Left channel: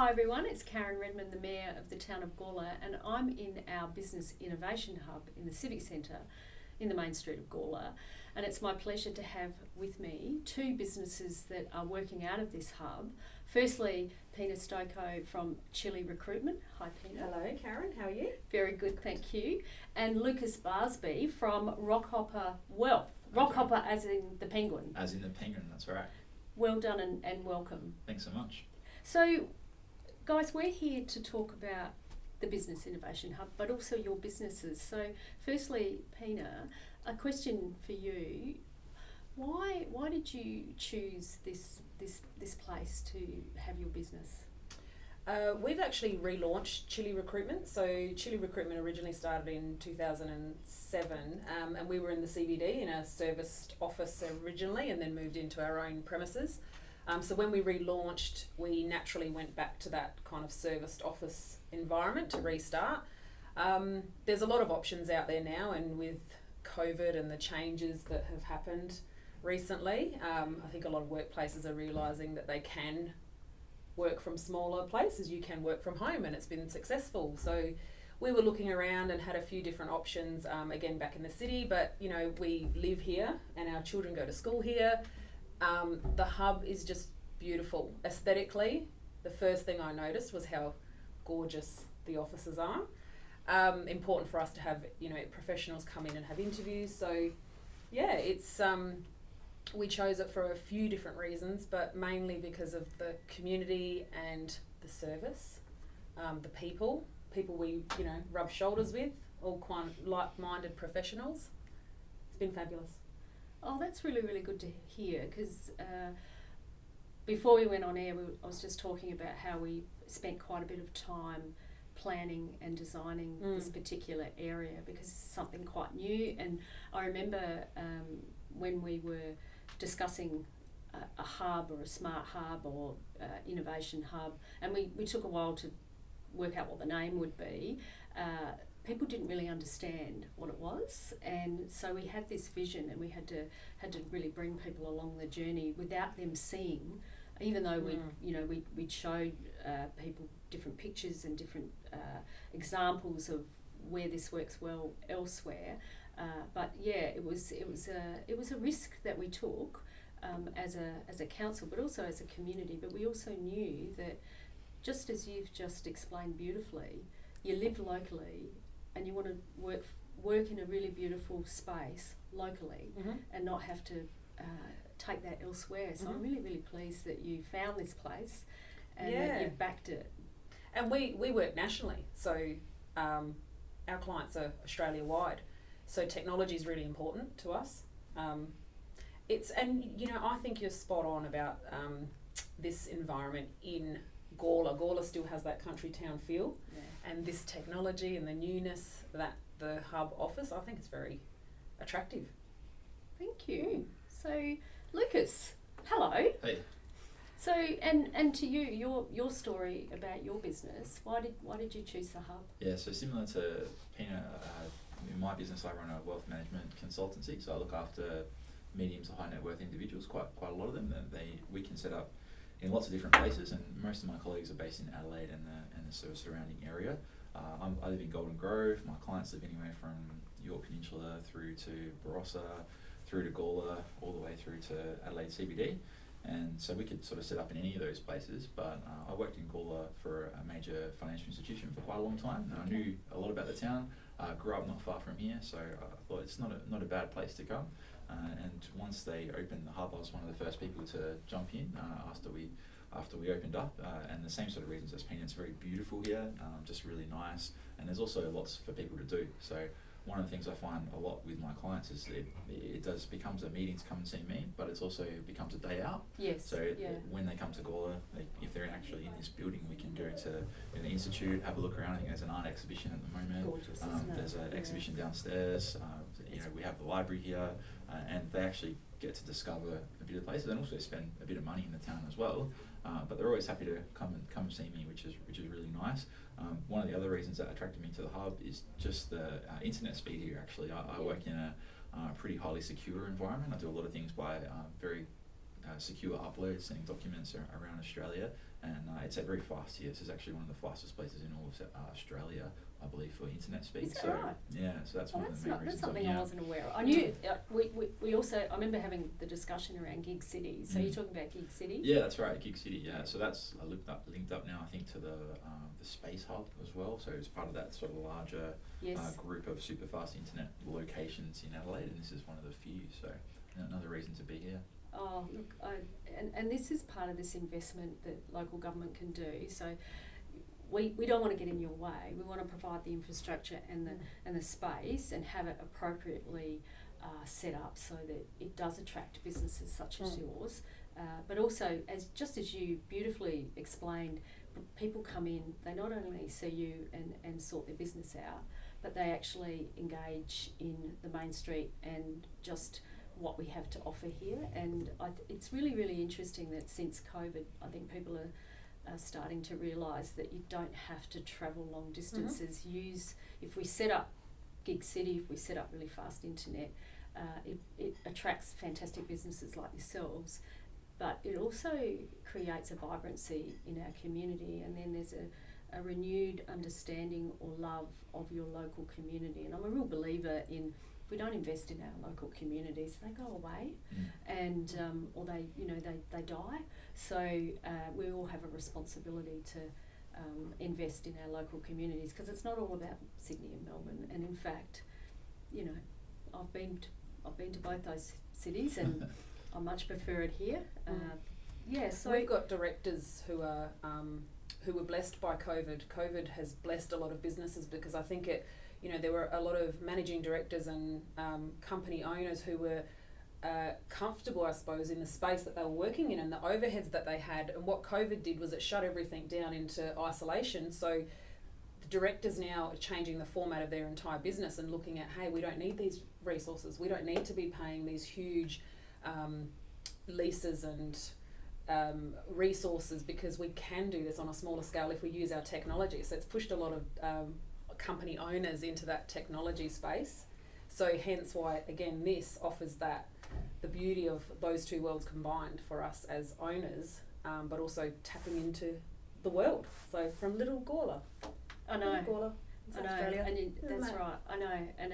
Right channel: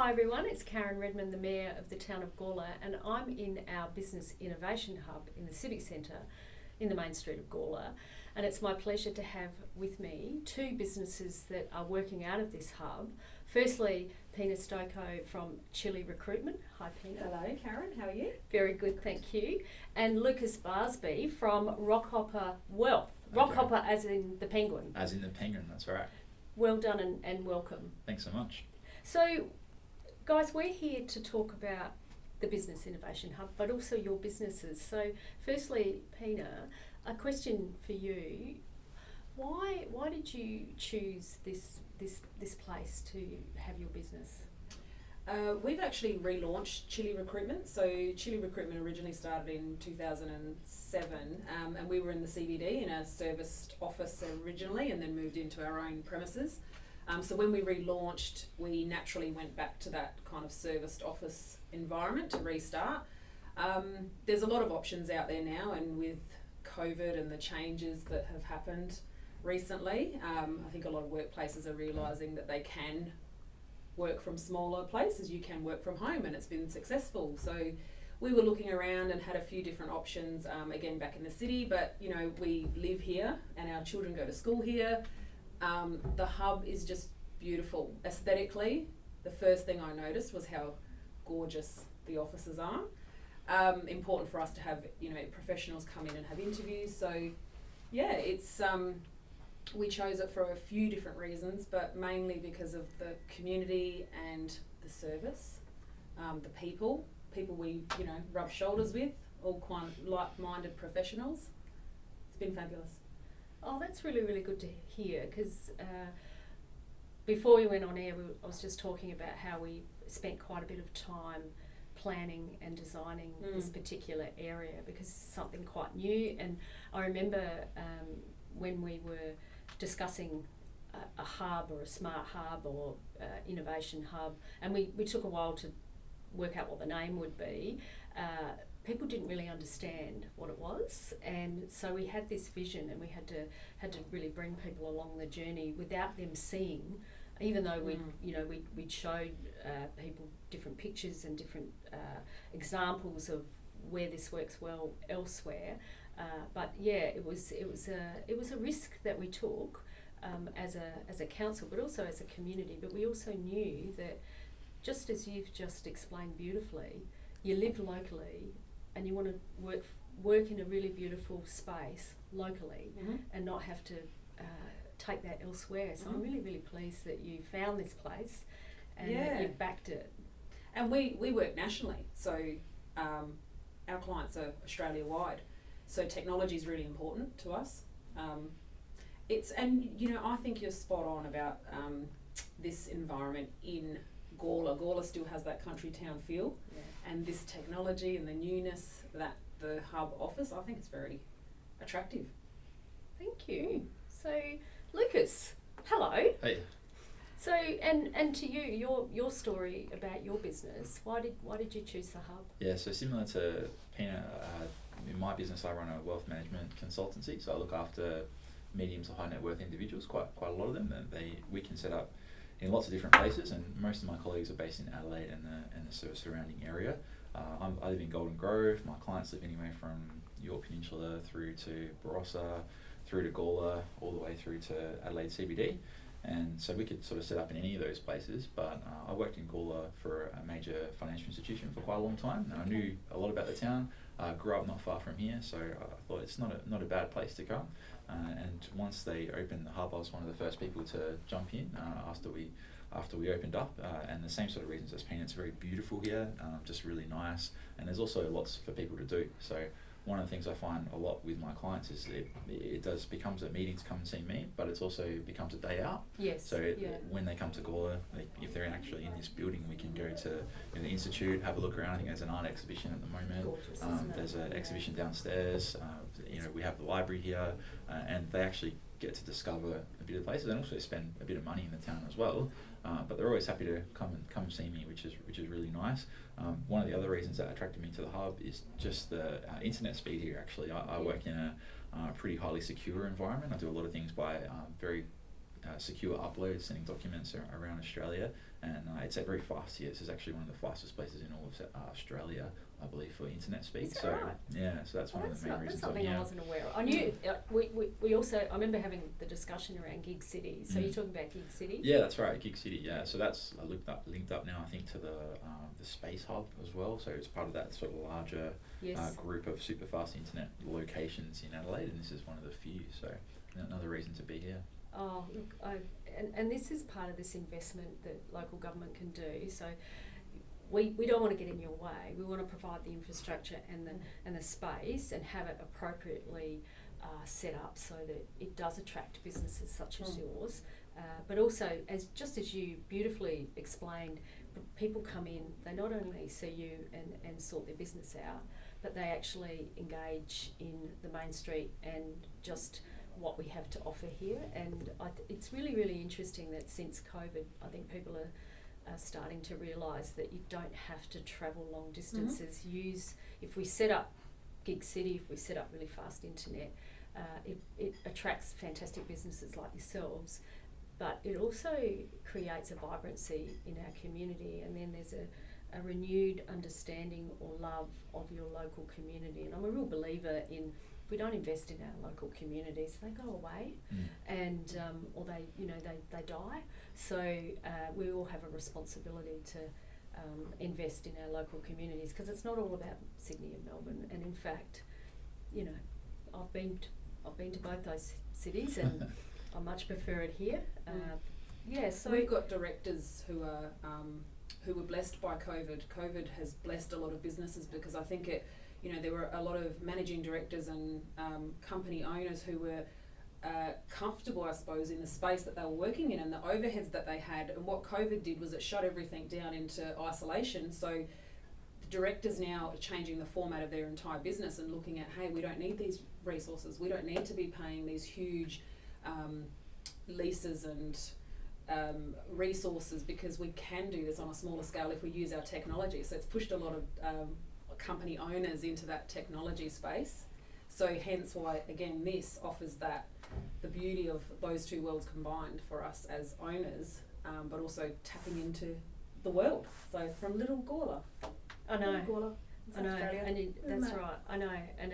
Hi everyone, it's Karen Reman, the Mayor of the town of Gawler, and I'm in our Business Innovation Hub in the Civic Centre in the main street of Gawler. And it's my pleasure to have with me two businesses that are working out of this hub. Firstly, Pina Stojko from Chile Recruitment. Hi Pina. Hello Karen, how are you? Very good, thank you. And Lucas Barsby from Rockhopper Wealth. Okay. Rockhopper as in the penguin. As in the penguin, that's right. Well done and welcome. Thanks so much. So, guys, we're here to talk about the Business Innovation Hub, but also your businesses. So, firstly, Pina, a question for you: Why did you choose this place to have your business? We've actually relaunched Chile Recruitment. So Chile Recruitment originally started in 2007, and we were in the CBD in a serviced office originally, and then moved into our own premises. So when we relaunched, we naturally went back to that kind of serviced office environment to restart. There's a lot of options out there now, and with COVID and the changes that have happened recently, I think a lot of workplaces are realising that they can work from smaller places. You can work from home, and it's been successful. So we were looking around and had a few different options, again back in the city, but you know, we live here and our children go to school here. The hub is just beautiful aesthetically. The first thing I noticed was how gorgeous the offices are. Important for us to have, you know, professionals come in and have interviews. So yeah, it's we chose it for a few different reasons, but mainly because of the community and the service, the people we, you know, rub shoulders with, all quite like-minded professionals. It's been fabulous. Oh, that's really, really good to hear, because before we went on air, I was just talking about how we spent quite a bit of time planning and designing this particular area, because it's something quite new. And I remember when we were discussing a hub or a smart hub or innovation hub, and we took a while to work out what the name would be. People didn't really understand what it was, and so we had this vision, and we had to really bring people along the journey without them seeing. Even though we showed people different pictures and different examples of where this works well elsewhere, but yeah, it was a risk that we took as a council, but also as a community. But we also knew that, just as you've just explained beautifully, you live locally and you want to work in a really beautiful space locally, and not have to take that elsewhere. So I'm really, really pleased that you found this place and that you've backed it. And we work nationally, so our clients are Australia-wide. So technology is really important to us. And you know, I think you're spot on about this environment in Gawler. Gawler still has that country town feel, and this technology and the newness that the hub offers, I think it's very attractive. Thank you. So, Lucas, hello. Hey. So, and to you, your story about your business. Why did you choose the hub? Yeah, so similar to Pina, in my business I run a wealth management consultancy, so I look after medium to high net worth individuals, quite a lot of them, and we can set up in lots of different places, and most of my colleagues are based in Adelaide and the sort of surrounding area. I live in Golden Grove. My clients live anywhere from Yorke Peninsula through to Barossa, through to Gawler, all the way through to Adelaide CBD. And so we could sort of set up in any of those places, but I worked in Gawler for a major financial institution for quite a long time, and I knew a lot about the town. Grew up not far from here, so I thought it's not a bad place to come. And once they opened the hub, I was one of the first people to jump in after we opened up, and the same sort of reasons as Pina. It's very beautiful here, just really nice, and there's also lots for people to do. So one of the things I find a lot with my clients is it becomes a meeting to come and see me, but it's also becomes a day out. Yes. So when they come to Gawler, if they're actually in this building, we can go to the institute, have a look around. I think there's an art exhibition at the moment. Gorgeous, isn't it? There's an exhibition downstairs. We have the library here, and they actually get to discover a bit of places and also spend a bit of money in the town as well. But they're always happy to come and see me, which is really nice. One of the other reasons that attracted me to the hub is just the internet speed here. Actually, I work in a pretty highly secure environment. I do a lot of things by very secure uploads, sending documents around Australia, and it's very fast here. This is actually one of the fastest places in all of Australia, I believe, for internet speed. Is that right? Yeah, so that's one of the main reasons. That's something I wasn't aware of. I knew we also, I remember having the discussion around Gig City. So you're talking about Gig City? Yeah, that's right, Gig City. Yeah, so that's linked up now, I think, to the Space Hub as well. So it's part of that sort of larger group of super fast internet locations in Adelaide, and this is one of the few. So another reason to be here. Oh, look, and this is part of this investment that local government can do. So we don't want to get in your way. We want to provide the infrastructure and the space and have it appropriately set up so that it does attract businesses such as yours. But also, as you beautifully explained, people come in, they not only see you and sort their business out, but they actually engage in the main street and just what we have to offer here. And it's really, really interesting that since COVID, I think people are starting to realise that you don't have to travel long distances. If we set up Gig City, if we set up really fast internet, it attracts fantastic businesses like yourselves, but it also creates a vibrancy in our community, and then there's a renewed understanding or love of your local community. And I'm a real believer in, if we don't invest in our local communities, they go away, and or they die. So we all have a responsibility to invest in our local communities, because it's not all about Sydney and Melbourne. And in fact, I've been to both those cities, and I much prefer it here. So we've got directors who were blessed by COVID. COVID has blessed a lot of businesses, because I think there were a lot of managing directors and company owners who were comfortable, I suppose, in the space that they were working in and the overheads that they had. And what COVID did was it shut everything down into isolation. So the directors now are changing the format of their entire business and looking at, hey, we don't need these resources. We don't need to be paying these huge leases and resources, because we can do this on a smaller scale if we use our technology. So it's pushed a lot of company owners into that technology space. So hence why, again, this offers the beauty of those two worlds combined for us as owners, but also tapping into the world. So from little Gawler. I know. Gawler, I know. Australia. And that's right. I know. And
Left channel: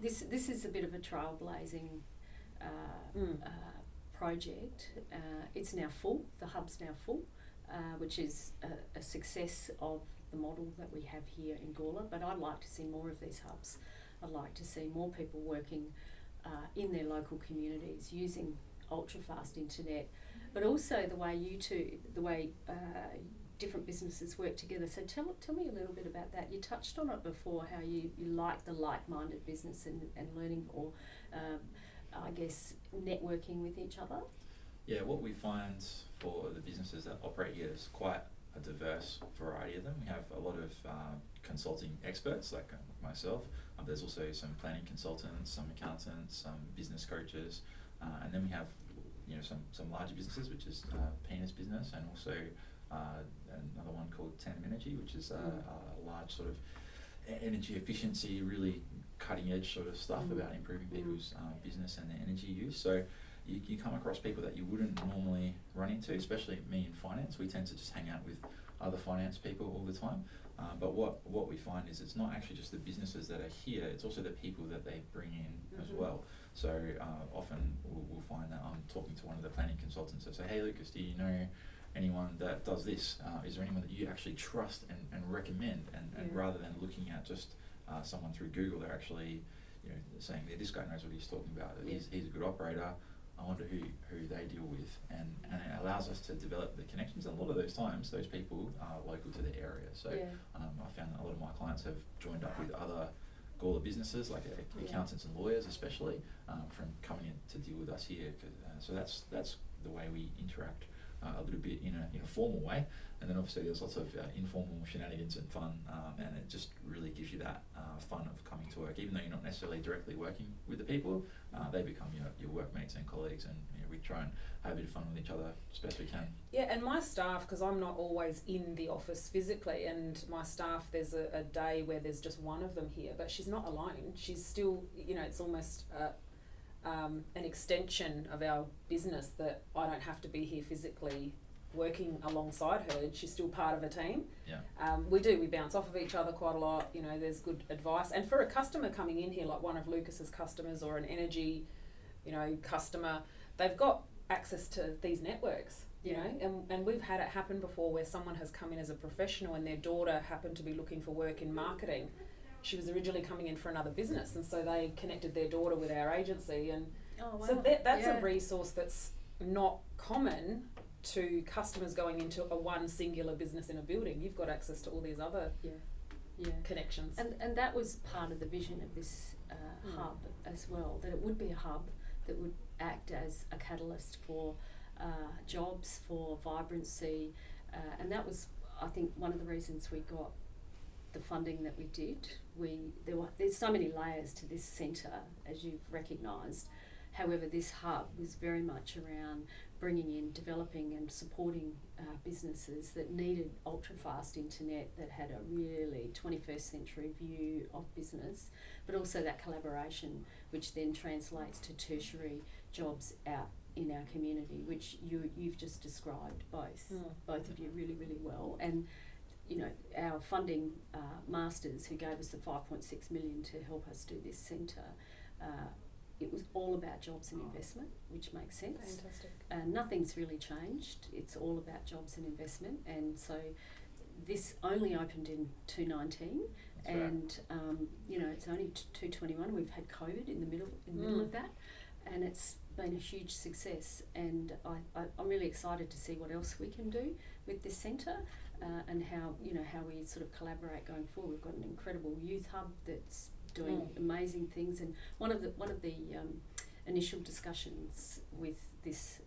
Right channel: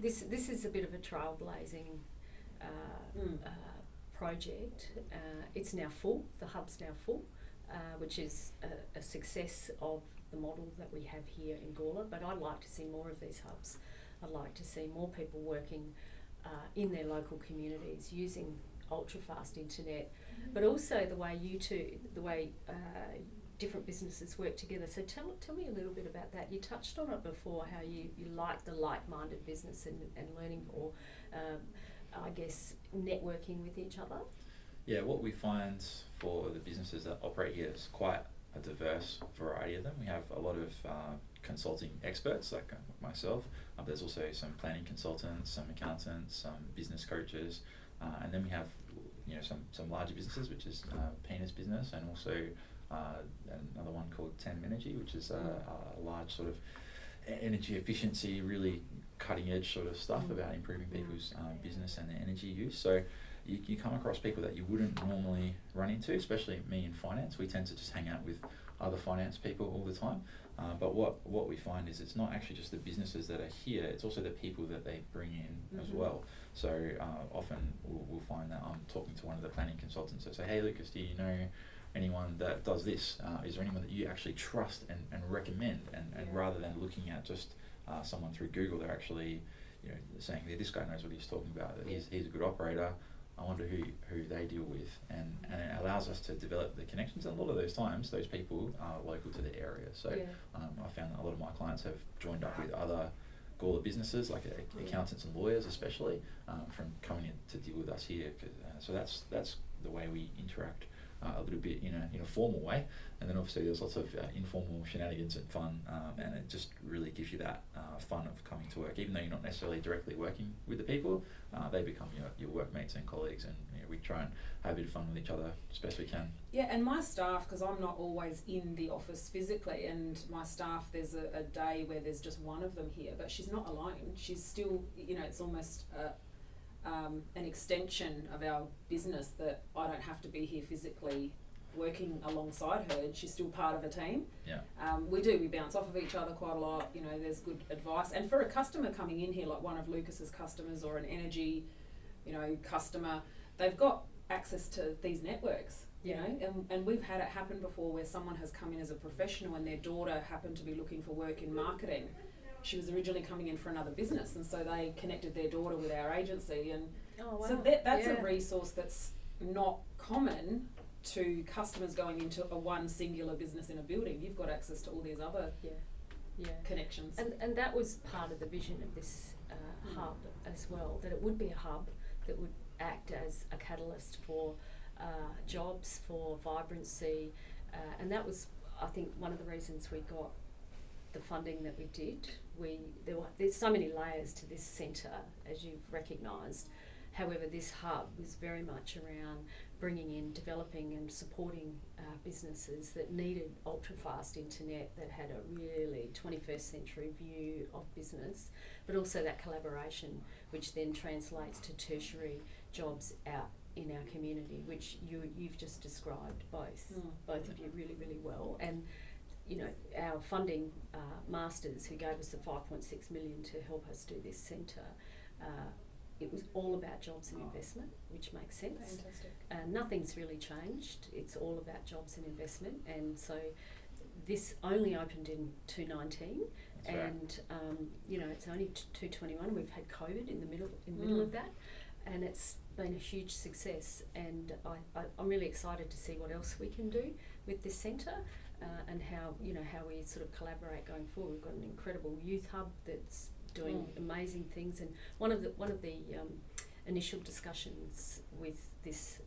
this is a bit of a trailblazing project. It's now full. The hub's now full, which is a success of the model that we have here in Gawler. But I'd like to see more of these hubs. I'd like to see more people working in their local communities using ultra-fast internet, but also the way different businesses work together. So tell me a little bit about that. You touched on it before, how you like the like-minded business and learning, or I guess networking with each other. Yeah, what we find for the businesses that operate here is quite a diverse variety of them. We have a lot of consulting experts like myself. There's also some planning consultants, some accountants, some business coaches, and then we have some larger businesses, which is Pina's business, and also another one called Tandem Energy, which is a large sort of energy efficiency, really cutting edge sort of stuff about improving people's business and their energy use. So you come across people that you wouldn't normally run into, especially me in finance. We tend to just hang out with other finance people all the time. But what we find is it's not actually just the businesses that are here, it's also the people that they bring in as well. So often we'll find that I'm talking to one of the planning consultants that say, hey Lucas, do you know anyone that does this? Is there anyone that you actually trust and recommend? And rather than looking at just someone through Google, they're actually saying, yeah, this guy knows what he's talking about, he's a good operator. I wonder who they deal with, and it allows us to develop the connections. And a lot of those times, those people are local to the area. So I found that a lot of my clients have joined up with other Gawler businesses, like accountants and lawyers especially, from coming in to deal with us here. So that's the way we interact a little bit in a formal way. And then obviously there's lots of informal shenanigans and fun, and it just really gives you that fun of coming to work. Even though you're not necessarily directly working with the people, they become your workmates and colleagues, and we try and have a bit of fun with each other as best we can. Yeah, and my staff, because I'm not always in the office physically, and my staff, there's a day where there's just one of them here, but she's not alone. She's still, it's almost an extension of our business, that I don't have to be here physically working alongside her. She's still part of a team. Yeah. We bounce off of each other quite a lot. You know, there's good advice. And for a customer coming in here, like one of Lucas's customers or an energy, you know, customer, they've got access to these networks. You know, and we've had it happen before where someone has come in as a professional and their daughter happened to be looking for work in marketing. She was originally coming in for another business, and so they connected their daughter with our agency, and so that's a resource that's not common to customers going into a one singular business in a building. You've got access to all these other connections. And that was part of the vision of this hub as well, that it would be a hub that would act as a catalyst for jobs, for vibrancy, and that was, I think, one of the reasons we got the funding that we did. There's so many layers to this centre, as you've recognised. However, this hub was very much around bringing in, developing and supporting businesses that needed ultra-fast internet, that had a really 21st century view of business, but also that collaboration, which then translates to tertiary jobs out in our community, which you've just described both of you really, really well. And you know, our funding masters who gave us the 5.6 million to help us do this centre, it was all about jobs and investment, which makes sense. Fantastic. Nothing's really changed. It's all about jobs and investment, and so this only opened in 2019. That's and right. You know, it's only 2021. We've had COVID in the middle of that, and it's been a huge success. And I'm really excited to see what else we can do with this centre, and how we sort of collaborate going forward. We've got an incredible youth hub that's doing amazing things, and one of the initial discussions with this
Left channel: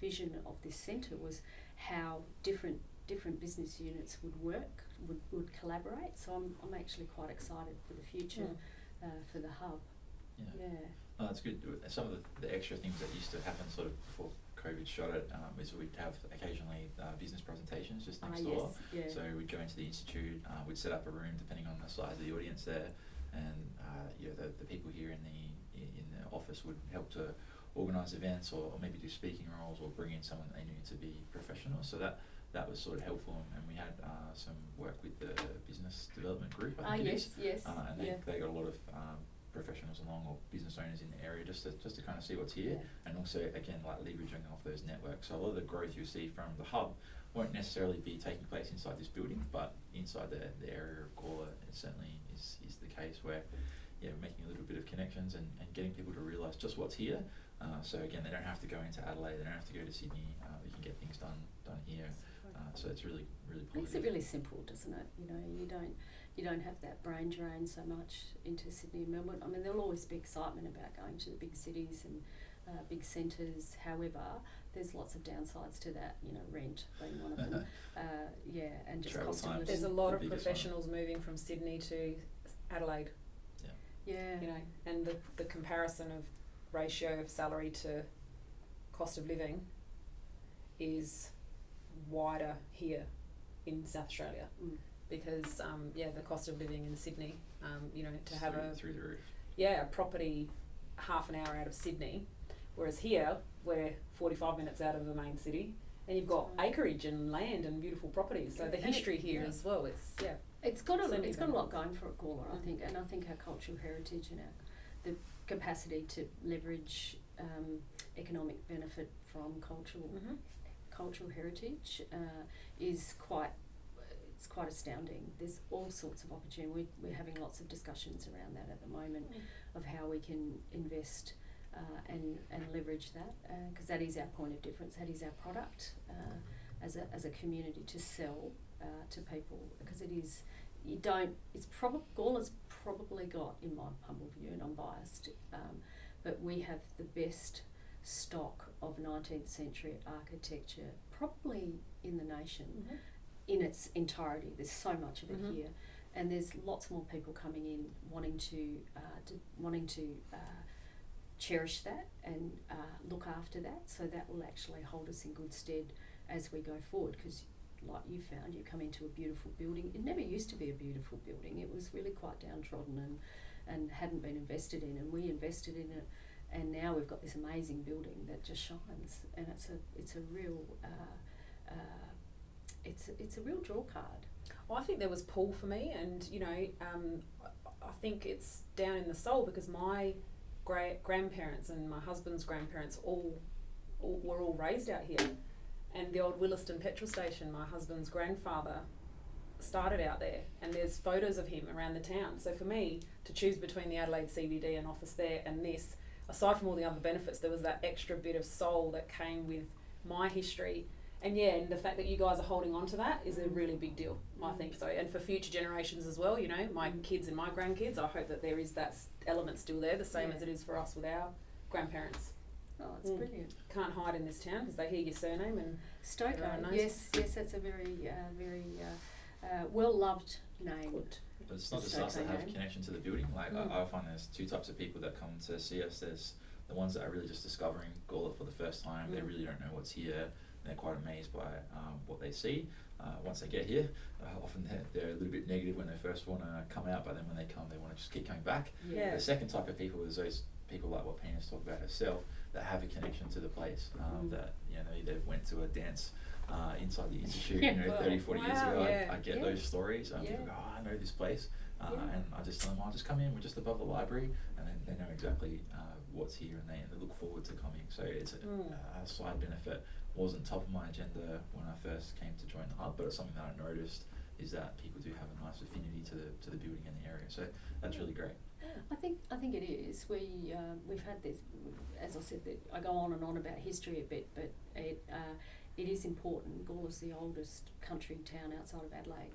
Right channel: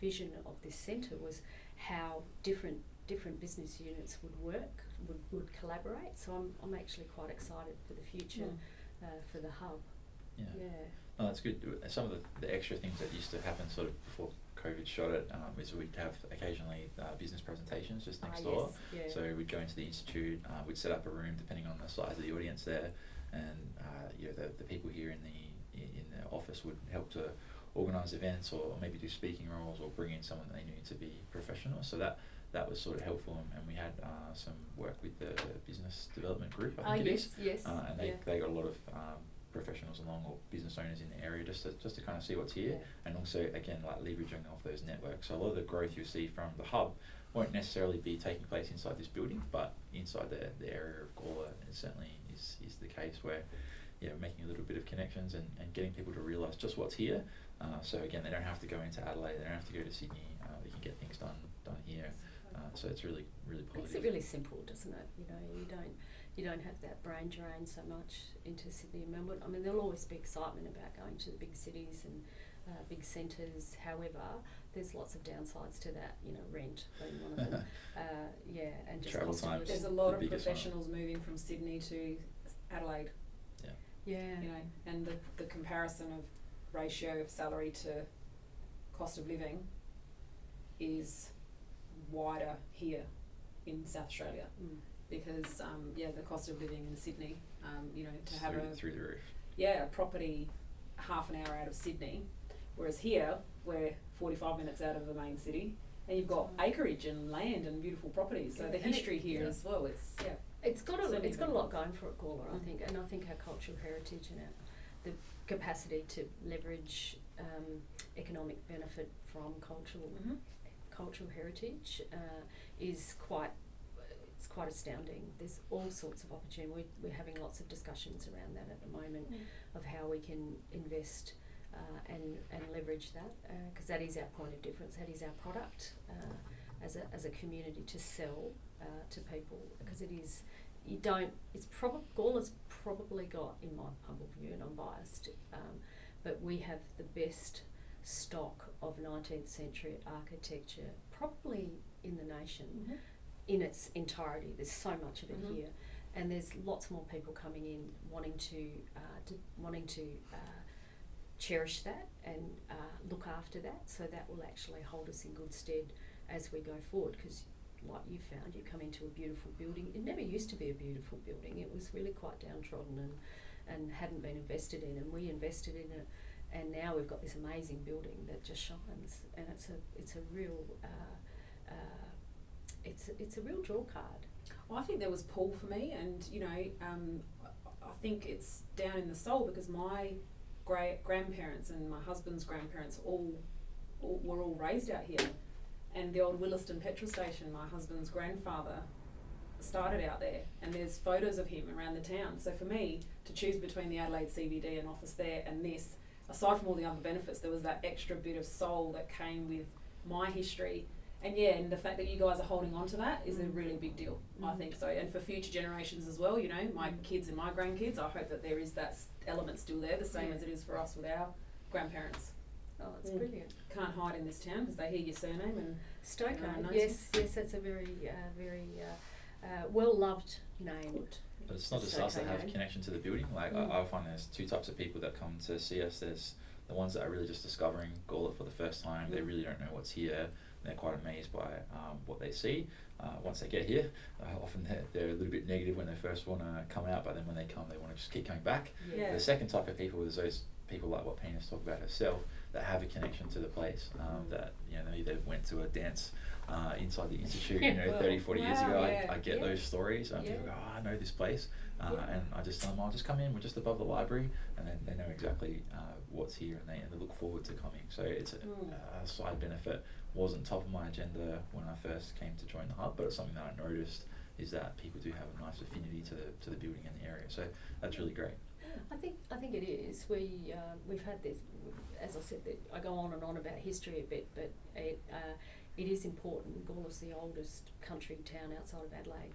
vision of this centre was how different business units would work, would collaborate. So I'm actually quite excited for the future for the hub. Yeah. Oh, that's good. Some of the extra things that used to happen sort of before COVID shot it is we'd have occasionally business presentations just next door. Yes, So we'd go into the institute, we'd set up a room depending on the size of the audience there, and the people here in the office would help to organise events or maybe do speaking roles or bring in someone that they knew to be professional. So that was sort of helpful, and we had some work with the business development group, I think it is. Yes. And they got a lot of professionals along, or business owners in the area, just to kind of see what's here, and also again like leveraging off those networks. So a lot of the growth you see from the hub won't necessarily be taking place inside this building, but inside the area of Gawler, it certainly is the case, where making a little bit of connections and getting people to realise just what's here. So again, they don't have to go into Adelaide, they don't have to go to Sydney. They can get things done here. So it's really, really positive. Makes it really simple, doesn't it? You know, you don't have that brain drain so much into Sydney and Melbourne. I mean, there'll always be excitement about going to the big cities and big centres. However, there's lots of downsides to that. You know, rent being one of them. And just travel cost of time. living. There's a lot of professionals moving from Sydney to Adelaide. Yeah. You know, and the comparison of ratio of salary to cost of living is wider here in South Australia, because the cost of living in Sydney, to have through the roof. A property half an hour out of Sydney, whereas here we're 45 minutes out of the main city, and you've got acreage and land and beautiful properties. So the history here as well, it's got a lot going for it, Gawler, I think, and I think our cultural heritage and the capacity to leverage economic benefit from cultural heritage is quite astounding. There's all sorts of opportunity. We're having lots of discussions around that at the moment of how we can invest and leverage that, because that is our point of difference. That is our product as a community to sell to people, because it is. Gawler's probably got, in my humble view, and I'm biased, but we have the best stock of 19th century architecture probably in the nation in its entirety. There's so much of it here, and there's lots more people coming in wanting to cherish that and look after that, so that will actually hold us in good stead as we go forward, because like you found, you come into a beautiful building. It never used to be a beautiful building. It was really quite downtrodden and hadn't been invested in, and we invested in it and now we've got this amazing building that just shines, and it's a real it's a real draw card. Well, I think there was pull for me, and you know, I think it's down in the soul because my grandparents and my husband's grandparents were all raised out here, and the old Williston petrol station, my husband's grandfather started out there, and there's photos of him around the town. So for me to choose between the Adelaide CBD and office there and this, aside from all the other benefits, there was that extra bit of soul that came with my history. And yeah, and the fact that you guys are holding on to that is a really big deal, I think so. And for future generations as well, you know, my kids and my grandkids, I hope that there is that element still there, the same as it is for us with our grandparents. Oh, it's brilliant. Can't hide in this town because they hear your surname and Stojko. Yes, that's a very well loved name. Good. But it's not just us that have a connection to the building. Like I find there's two types of people that come to see us. There's the ones that are really just discovering Gawler for the first time. They really don't know what's here. They're quite amazed by what they see. Once they get here, often they're a little bit negative when they first want to come out, but then when they come, they want to just keep coming back. Yeah. The second type of people is those people like what Pina's talked about herself, that have a connection to the place, that, you know, they went to a dance inside the institute, you know, 30, 40 years ago. I get those stories. People go, oh, I know this place. And I just tell them, I'll just come in, we're just above the library, and then they know exactly what's here, and they look forward to coming. So it's a side benefit. Wasn't top of my agenda when I first came to join the hub, but it's something that I noticed is that people do have a nice affinity to the building and the area. So that's really great. I think it is. We've had this, as I said, that I go on and on about history a bit, but it is important. Gawler's the oldest country town outside of Adelaide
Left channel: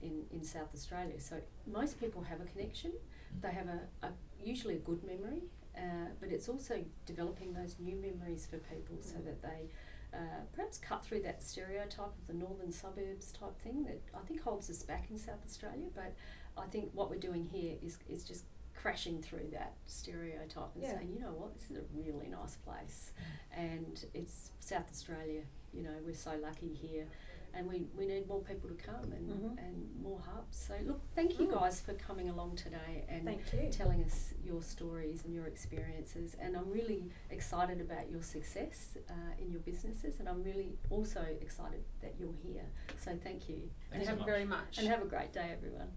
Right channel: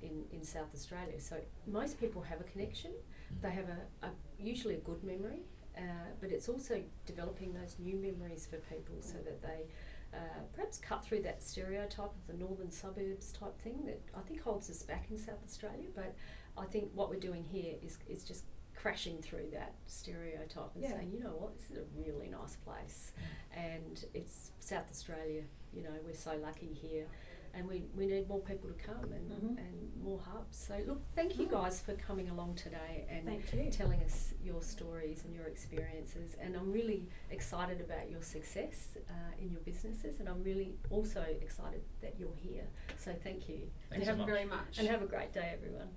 in South Australia. So most people have a connection. They have usually a good memory, but it's also developing those new memories for people so that they perhaps cut through that stereotype of the northern suburbs type thing that I think holds us back in South Australia. But I think what we're doing here is just crashing through that stereotype and saying, you know what, this is a really nice place, and it's South Australia. You know, we're so lucky here, and we need more people to come and more hubs. So look, thank you guys for coming along today and telling us your stories and your experiences, and I'm really excited about your success in your businesses, and I'm really also excited that you're here. So thank you. Thanks so much. And have a great day, everyone.